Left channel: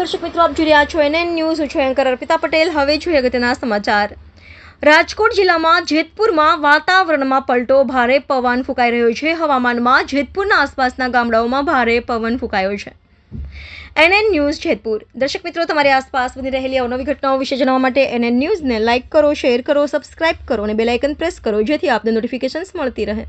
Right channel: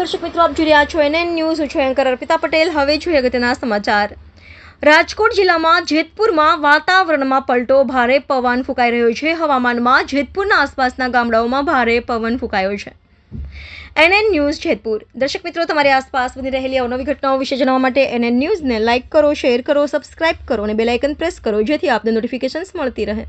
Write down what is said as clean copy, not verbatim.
દર્શક મિત્રો, આપ જોઈ રહ્યા છો NN ન્યૂઝ. હું છું એન્કર અર્પિતા પટેલ. હવે જોઈએ અગત્યના સમાચાર. રાજકોટ જિલ્લામાં જેતપુરમાં વાતાવરણમાં પલટો. ભારે પવન ફૂંકાઈ રહ્યો છે. હવામાનમાં જેતપુરના આસપાસના ગામડાઓમાં ભારે પવન ફૂંકાયો છે. NN news Jetpur. દર્શક મિત્રો, તમારી આસપાસ બની રહેલી અવનવી ઘટનાઓ વિશે જાણવા માટે NN ન્યૂઝને લાઇક કરો, શેર કરો, સબસ્ક્રાઇબ કરો અને બેલ આઇકન પ્રેસ કરો, જેથી આપને નોટિફિકેશન્સ મળતી રહે.